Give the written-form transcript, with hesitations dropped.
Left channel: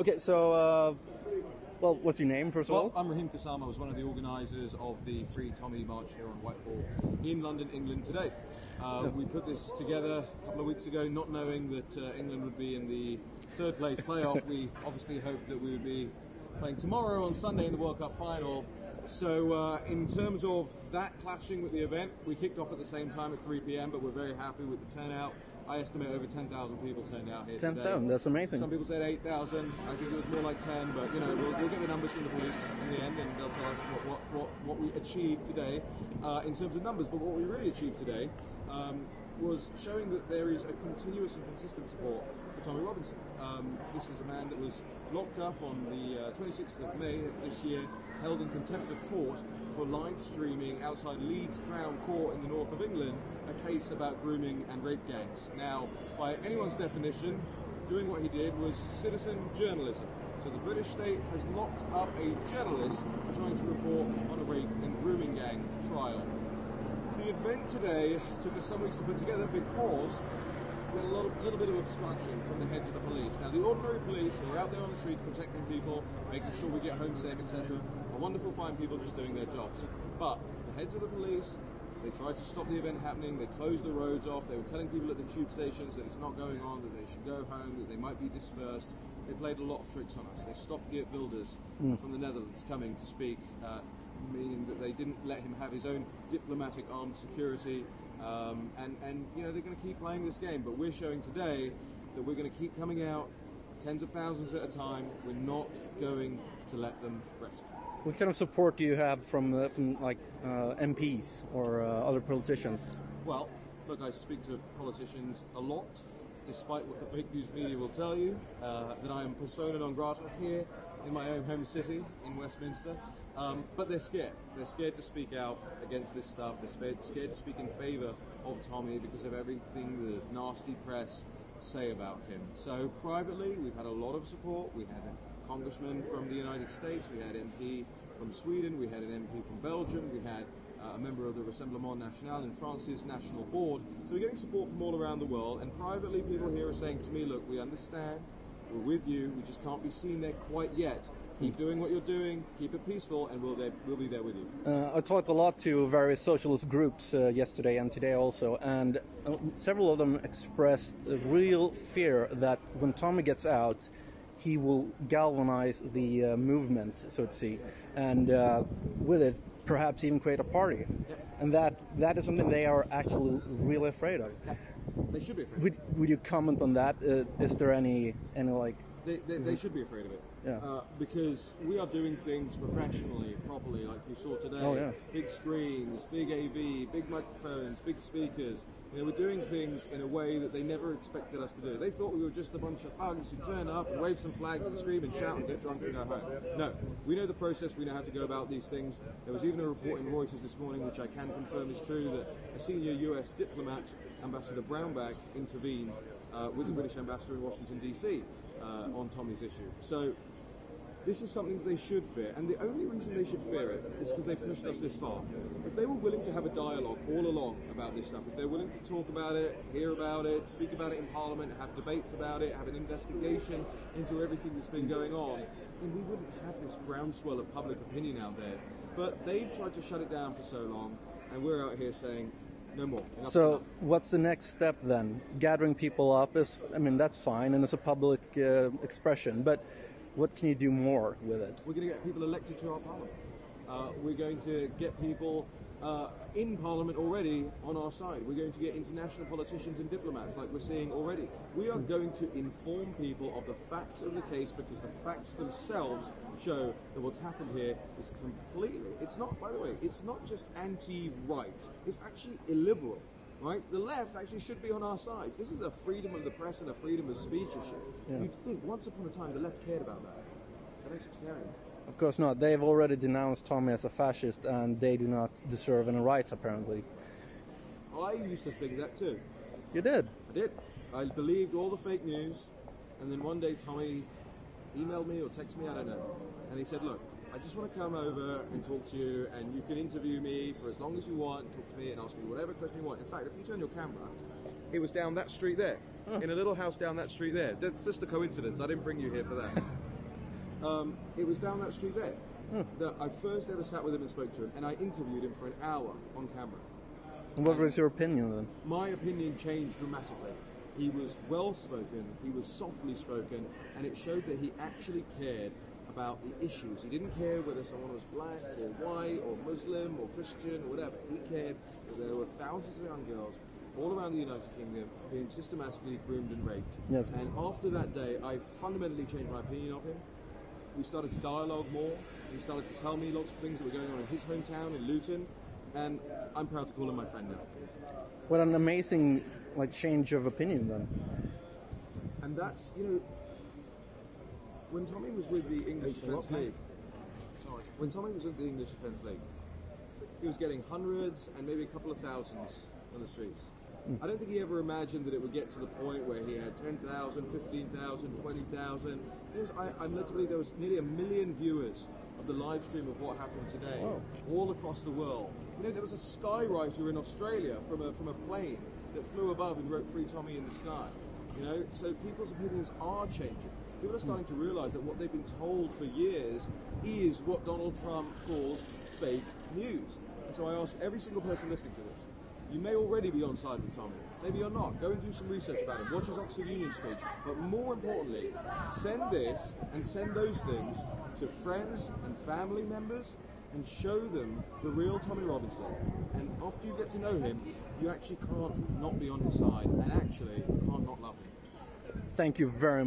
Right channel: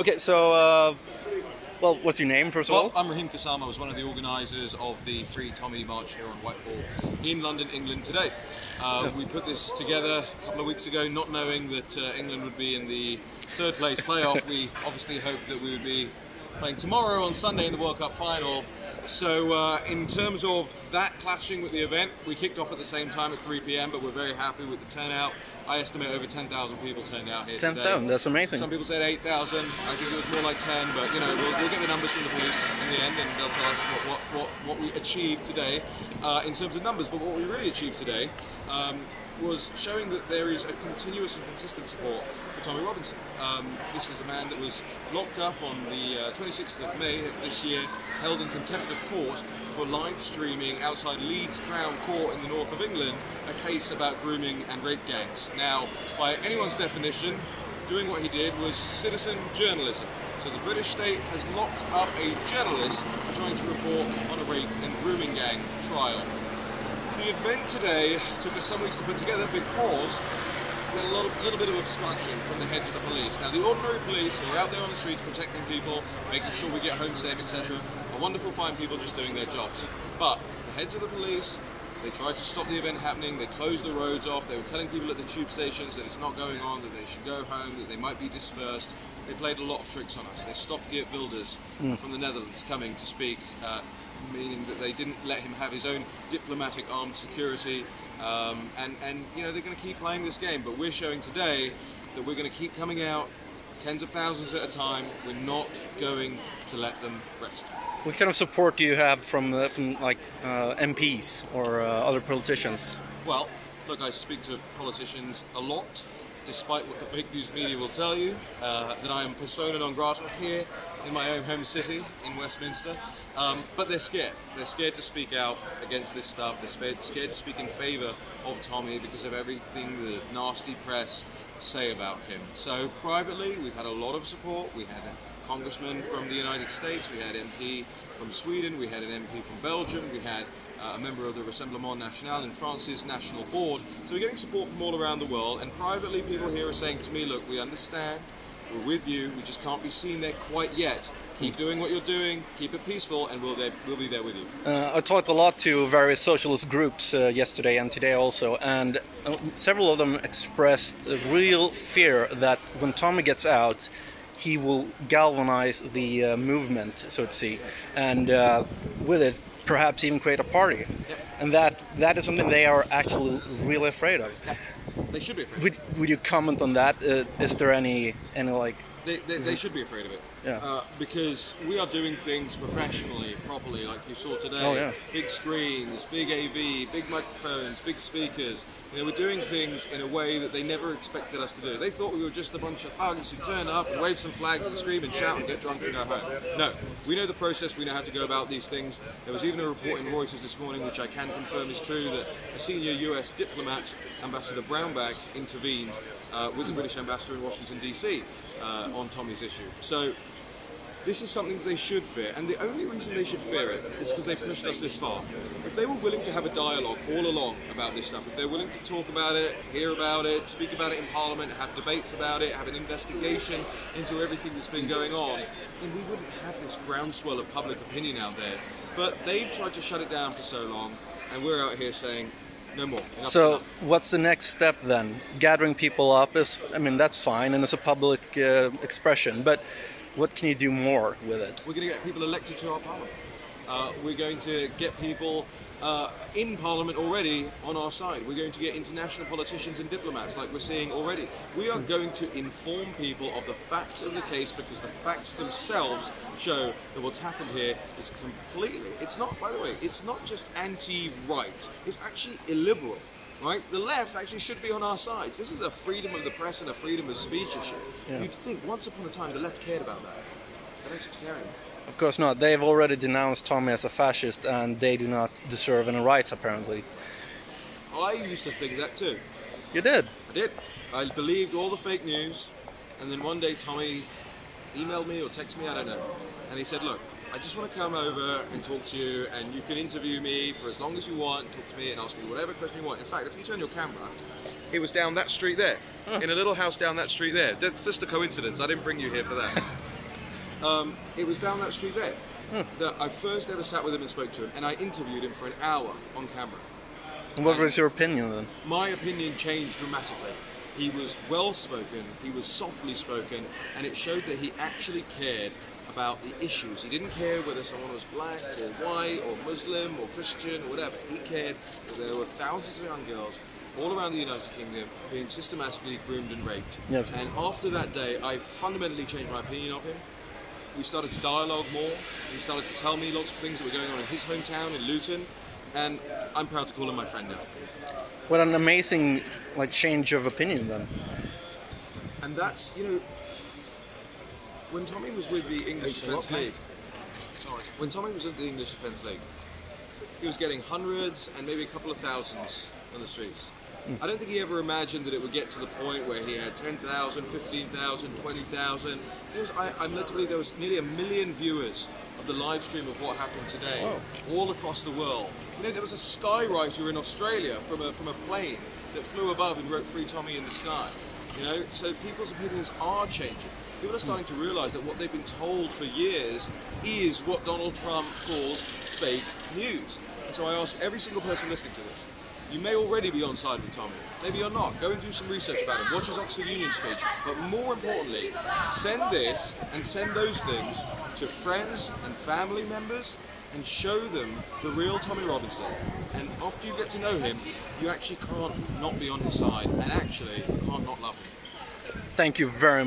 Okay, so, well, what's your name, first of all? I'm Raheem Kassam. I was one of the organisers of the Free Tommy March here on Whitehall in London, England today. We put this together a couple of weeks ago, not knowing that England would be in the third place playoff. We obviously hoped that we would be playing tomorrow on Sunday in the World Cup final. So in terms of that clashing with the event, we kicked off at the same time at 3 PM, but we're very happy with the turnout. I estimate over 10,000 people turned out here 10,000, that's amazing. Some people said 8,000, I think it was more like 10, but you know, we'll get the numbers from the police in the end and they'll tell us what we achieved today in terms of numbers. But what we really achieved today was showing that there is a continuous and consistent support for Tommy Robinson. This is a man that was locked up on the 26th of May of this year, held in contempt of court for live streaming outside Leeds Crown Court in the north of England a case about grooming and rape gangs. Now, by anyone's definition, doing what he did was citizen journalism. So the British state has locked up a journalist for trying to report on a rape and grooming gang trial. The event today took us some weeks to put together because we had a little bit of obstruction from the heads of the police. Now, the ordinary police who are out there on the streets protecting people, making sure we get home safe, etc., are wonderful, fine people just doing their jobs. But the heads of the police, they tried to stop the event happening, they closed the roads off, they were telling people at the tube stations that it's not going on, that they should go home, that they might be dispersed. They played a lot of tricks on us. They stopped Geert Wilders from the Netherlands coming to speak, meaning that they didn't let him have his own diplomatic armed security, and you know, they're going to keep playing this game. But we're showing today that we're going to keep coming out tens of thousands at a time. We're not going to let them rest. What kind of support do you have from like MPs or other politicians? Well, look, I speak to politicians a lot, despite what the fake news media will tell you, that I am persona non grata here in my own home city in Westminster. But they're scared. They're scared to speak out against this stuff. They're scared to speak in favour of Tommy because of everything the nasty press say about him. So privately, we've had a lot of support. We had a congressman from the United States, we had MP from Sweden, we had an MP from Belgium, we had a member of the Rassemblement National in France's national board. So we're getting support from all around the world, and privately people here are saying to me, look, we understand, we're with you, we just can't be seen there quite yet. Keep doing what you're doing, keep it peaceful, and we'll be there with you. I talked a lot to various socialist groups yesterday and today also, and several of them expressed a real fear that when Tommy gets out, he will galvanize the movement, so to speak, and with it, perhaps even create a party. Yep. And that is something they are actually really afraid of. Yep. They should be afraid. Would you comment on that? Is there any like? They should be afraid of it. Yeah. Because we are doing things professionally, properly, like you saw today. Oh, yeah. Big screens, big AV, big microphones, big speakers. You know, we're doing things in a way that they never expected us to do. They thought we were just a bunch of thugs who turn up and wave some flags and scream and shout and get drunk and go home. No, we know the process, we know how to go about these things. There was even a report in Reuters this morning, which I can confirm is true, that a senior US diplomat, Ambassador Brownback, intervened with the British ambassador in Washington, DC on Tommy's issue. So this is something that they should fear, and the only reason they should fear it is because they've pushed us this far. If they were willing to have a dialogue all along about this stuff, if they're willing to talk about it, hear about it, speak about it in Parliament, have debates about it, have an investigation into everything that's been going on, then we wouldn't have this groundswell of public opinion out there. But they've tried to shut it down for so long, and we're out here saying, no more. So what's the next step then? Gathering people up is, I mean, that's fine, and it's a public expression, but what can you do more with it? We're going to get people elected to our parliament. We're going to get people in parliament already on our side. We're going to get international politicians and diplomats like we're seeing already. We are going to inform people of the facts of the case, because the facts themselves show that what's happened here is completely, it's not, by the way, it's not just anti-right, it's actually illiberal. Right? The left actually should be on our sides. This is a freedom of the press and a freedom of speech issue. Yeah. You'd think once upon a time the left cared about that. They don't seem to care anymore. Of course not. They've already denounced Tommy as a fascist, and they do not deserve any rights, apparently. I used to think that too. You did? I did. I believed all the fake news, and then one day Tommy emailed me or texted me, I don't know, and he said, look, I just want to come over and talk to you, and you can interview me for as long as you want, talk to me and ask me whatever question you want. In fact, if you turn your camera, it was down that street there, in a little house down that street there. That's just a coincidence. I didn't bring you here for that. It was down that street there that I first ever sat with him and spoke to him, and I interviewed him for an hour on camera. And what was your opinion then? My opinion changed dramatically. He was well spoken, he was softly spoken, and it showed that he actually cared about the issues. He didn't care whether someone was black or white or Muslim or Christian or whatever. He cared that there were thousands of young girls all around the United Kingdom being systematically groomed and raped. Yes. And after that day, I fundamentally changed my opinion of him. We started to dialogue more. He started to tell me lots of things that were going on in his hometown in Luton, and I'm proud to call him my friend now. What an amazing change of opinion then. And that's, when Tommy was with the English Defence League, he was getting hundreds and maybe a couple of thousands on the streets. I don't think he ever imagined that it would get to the point where he had 10,000, 15,000, 20,000. I'm led to believe there was nearly 1 million viewers of the live stream of what happened today, all across the world. There was a skywriter in Australia from a plane that flew above and wrote "Free Tommy" in the sky. So people's opinions are changing. People are starting to realise that what they've been told for years is what Donald Trump calls fake news. And so I ask every single person listening to this, you may already be on side with Tommy. Maybe you're not. Go and do some research about him. Watch his Oxford Union speech. But more importantly, send this and send those things to friends and family members and show them the real Tommy Robinson. And after you get to know him, you actually can't not be on his side, and actually you can't not love him. Thank you very much.